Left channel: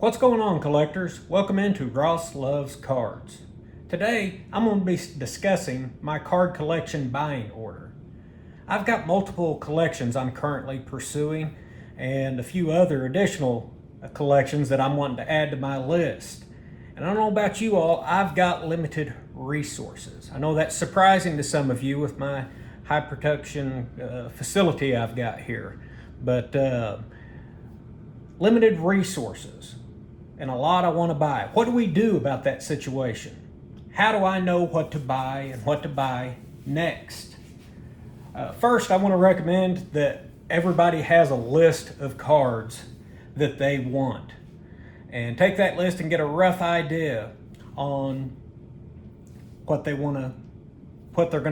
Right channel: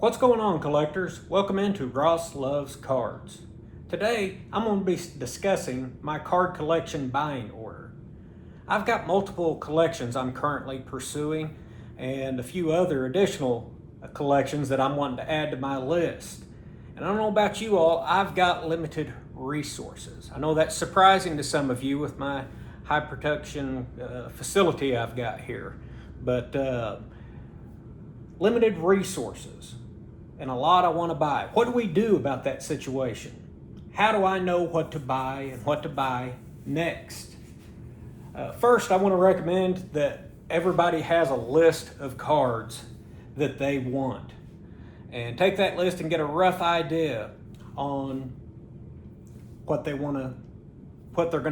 What's going on, collectors? Welcome into Ross Loves Cards. Today, I'm going to be discussing my card collection buying order. I've got multiple collections I'm currently pursuing and a few other additional collections that I'm wanting to add to my list. And I don't know about you all, I've got limited resources. I know that's surprising to some of you with my high production facility I've got here, but limited resources. And a lot I want to buy. What do we do about that situation? How do I know what to buy and what to buy next? First, I want to recommend that everybody has a list of cards that they want. And take that list and get a rough idea on what they're going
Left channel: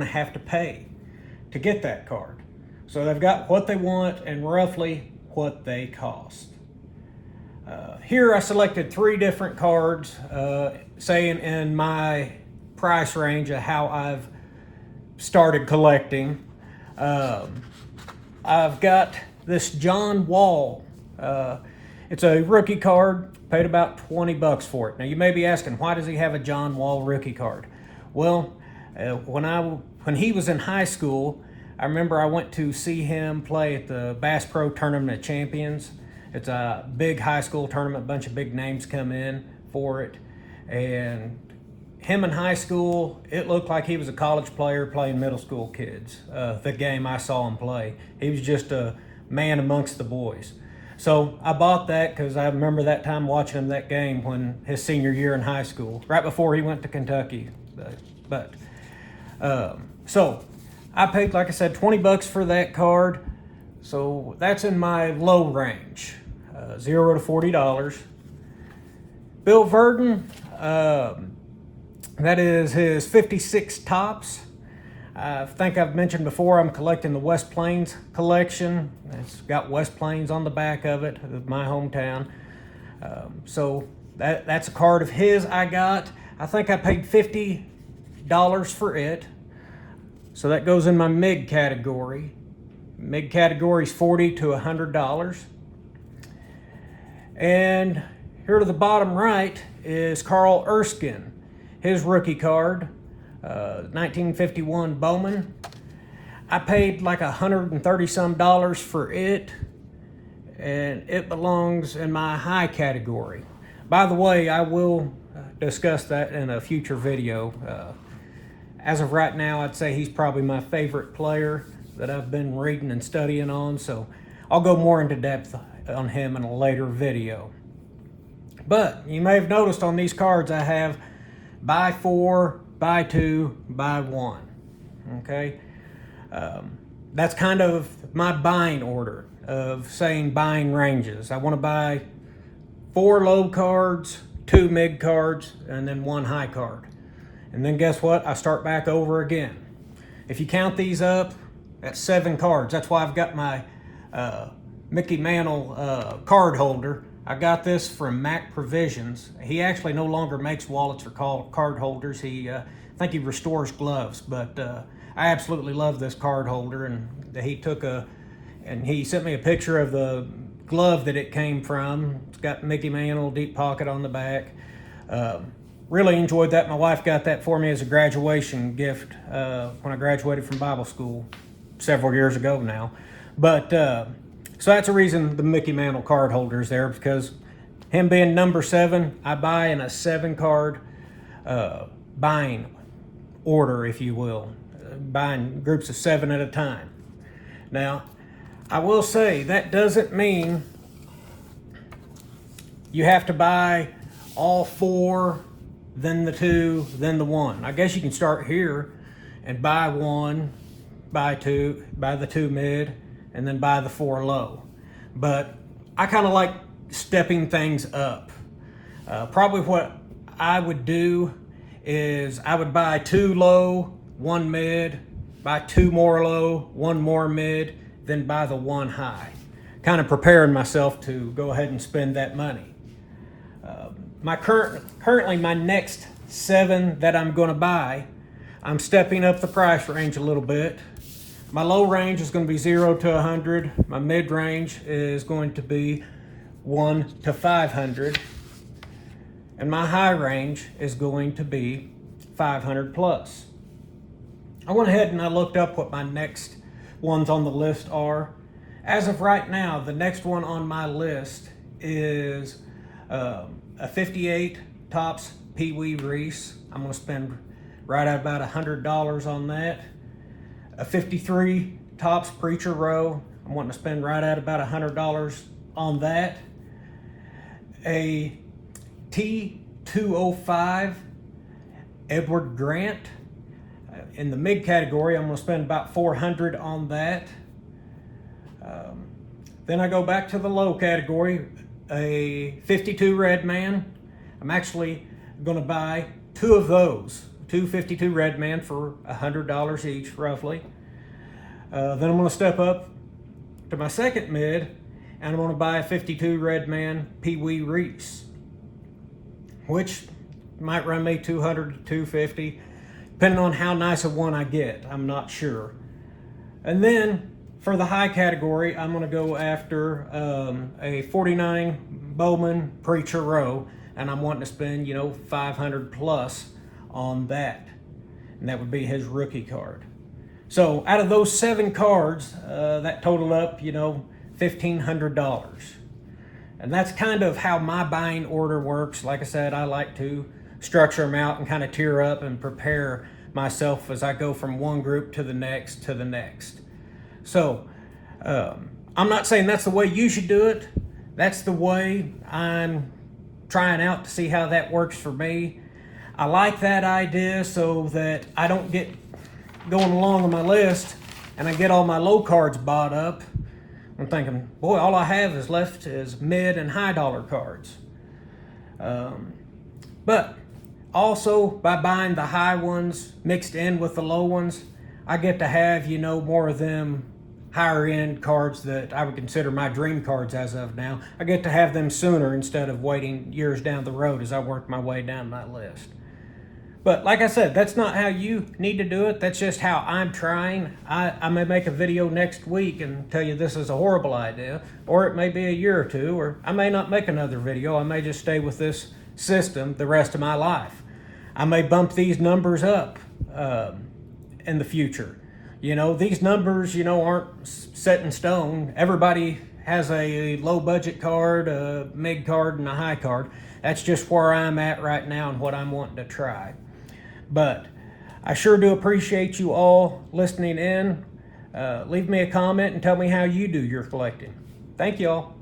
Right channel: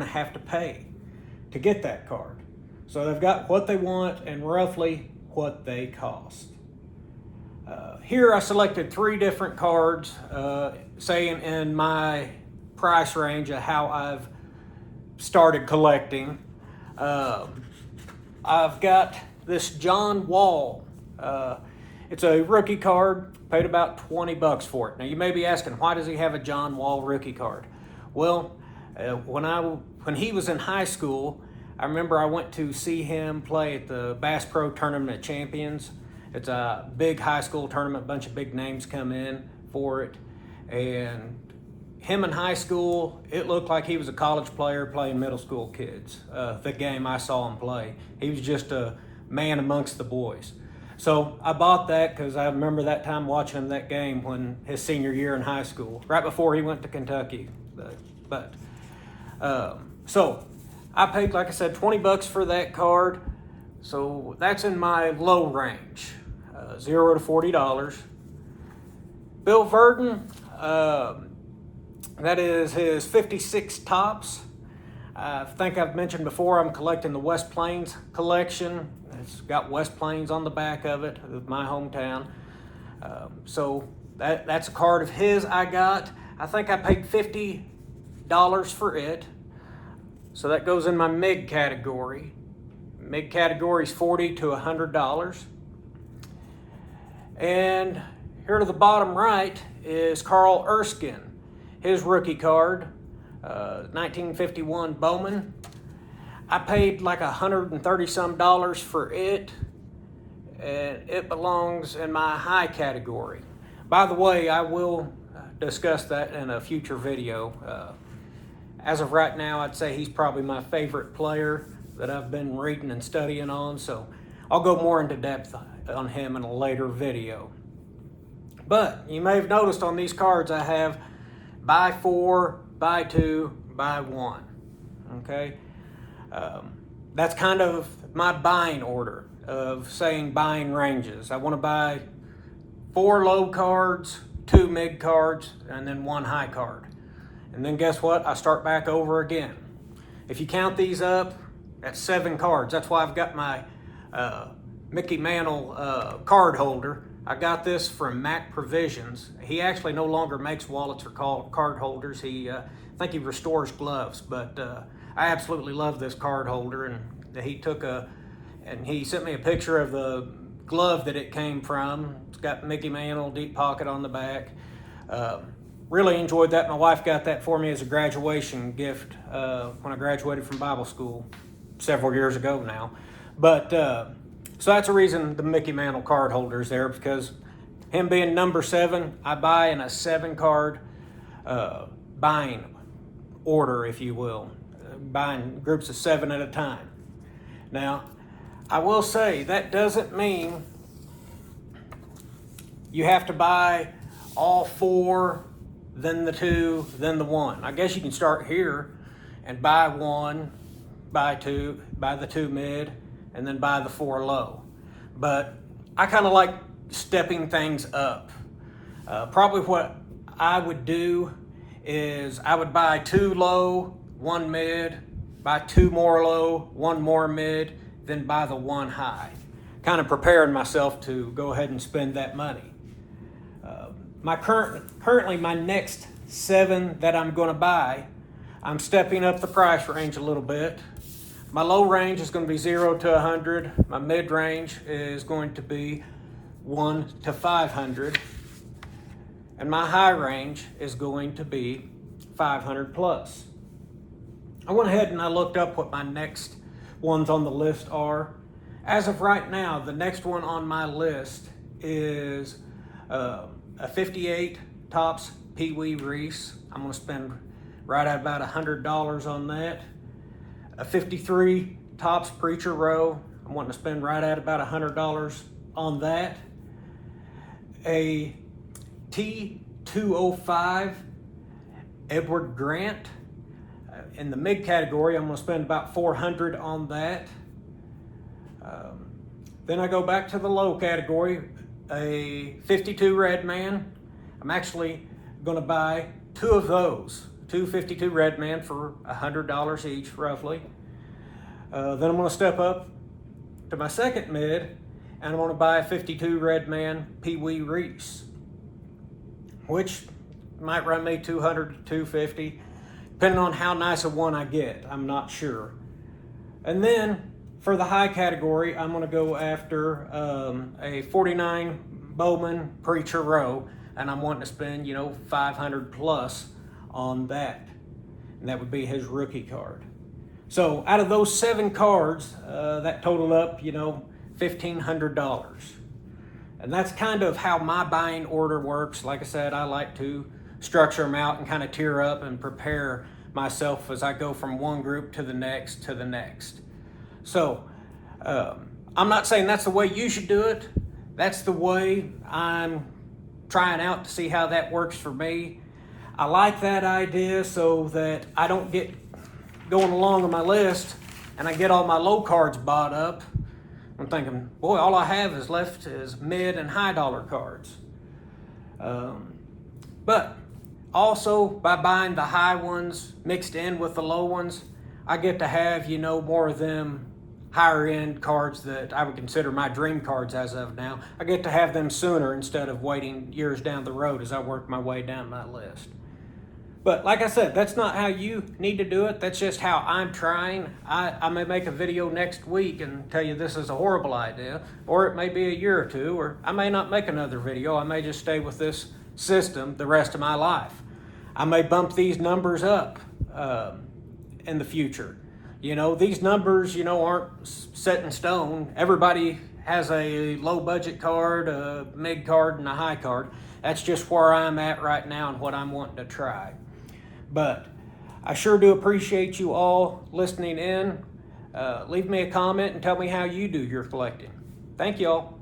to have to pay to get that card. So they've got what they want and roughly what they cost. Here I selected 3 different cards, saying in my price range of how I've started collecting. I've got this John Wall. It's a rookie card, paid about 20 bucks for it. Now you may be asking, why does he have a John Wall rookie card? Well, when he was in high school, I remember I went to see him play at the Bass Pro Tournament of Champions. It's a big high school tournament, a bunch of big names come in for it. And him in high school, it looked like he was a college player playing middle school kids. The game I saw him play, he was just a man amongst the boys. So I bought that because I remember that time watching him that game when his senior year in high school, right before he went to Kentucky. So I paid, like I said, 20 bucks for that card. So that's in my low range, $0 to $40. Bill Verdon, that is his 56 Topps. I think I've mentioned before I'm collecting the West Plains collection. It's got West Plains on the back of it, of my hometown. So that's a card of his I got. I think I paid $50 for it. So that goes in my MIG category. MIG category is $40 to $100. And here to the bottom right is Carl Erskine. His rookie card, 1951 Bowman. I paid like $130 some for it, and it belongs in my high category. By the way, I will discuss that in a future video. As of right now, I'd say he's probably my favorite player that I've been reading and studying on, so I'll go more into depth on him in a later video. But you may have noticed on these cards I have buy 4, buy 2, buy 1. Okay, that's kind of my buying order of saying buying ranges. I want to buy 4 low cards, 2 mid cards, and then 1 high card. And then guess what? I start back over again. If you count these up, that's 7 cards. That's why I've got my Mickey Mantle card holder. I got this from Mac Provisions. He actually no longer makes wallets or card holders. I think he restores gloves, but I absolutely love this card holder. And he sent me a picture of the glove that it came from. It's got Mickey Mantle deep pocket on the back. Really enjoyed that. My wife got that for me as a graduation gift when I graduated from Bible school several years ago now. But so that's the reason the Mickey Mantle card holder is there, because him being number 7, I buy in a 7 card buying order, if you will, buying groups of 7 at a time. Now, I will say that doesn't mean you have to buy all 4, then the 2, then the 1. I guess you can start here and buy 1, buy 2, buy the 2 mid, and then buy the 4 low. But I kind of like stepping things up. Probably what I would do is I would buy 2 low, 1 mid, buy 2 more low, 1 more mid, then buy the 1 high. Kind of preparing myself to go ahead and spend that money. Currently my next 7 that I'm going to buy, I'm stepping up the price range a little bit. My low range is going to be 0 to 100. My mid range is going to be 1 to 500. and my high range is going to be 500 plus. I went ahead and I looked up what my next ones on the list are. As of right now, the next one on my list is a 58 Topps Pee Wee Reese. I'm going to spend right at about $100 on that. A 53 Topps Preacher Row. I'm wanting to spend right at about $100 on that. A T205 Edward Grant. In the mid category, I'm going to spend about $400 on that. Then I go back to the low category, a 52 Redman. I'm actually going to buy two of those, two 52 Redman for $100 each, roughly. Then I'm going to step up to my second mid, and I want to buy a 52 Redman Pee Wee Reese, which might run me $200 to $250, depending on how nice of one I get. I'm not sure. And then for the high category, I'm going to go after a 49 Bowman Preacher Row, and I'm wanting to spend, 500 plus on that. And that would be his rookie card. So out of those 7 cards, that total up, $1,500. And that's kind of how my buying order works. Like I said, I like to structure them out and kind of tier up and prepare myself as I go from one group to the next to the next. So I'm not saying that's the way you should do it. That's the way I'm trying out to see how that works for me. I like that idea so that I don't get going along on my list and I get all my low cards bought up. I'm thinking, boy, all I have is left is mid and high dollar cards. But also by buying the high ones mixed in with the low ones, I get to have, more of them higher end cards that I would consider my dream cards as of now. I get to have them sooner instead of waiting years down the road as I work my way down my list. But like I said, that's not how you need to do it. That's just how I'm trying. I may make a video next week and tell you this is a horrible idea, or it may be a year or two, or I may not make another video. I may just stay with this system the rest of my life. I may bump these numbers up in the future. These numbers, aren't set in stone. Everybody has a low budget card, a mid card, and a high card. That's just where I'm at right now and what I'm wanting to try. But I sure do appreciate you all listening in. Leave me a comment and tell me how you do your collecting. Thank you all.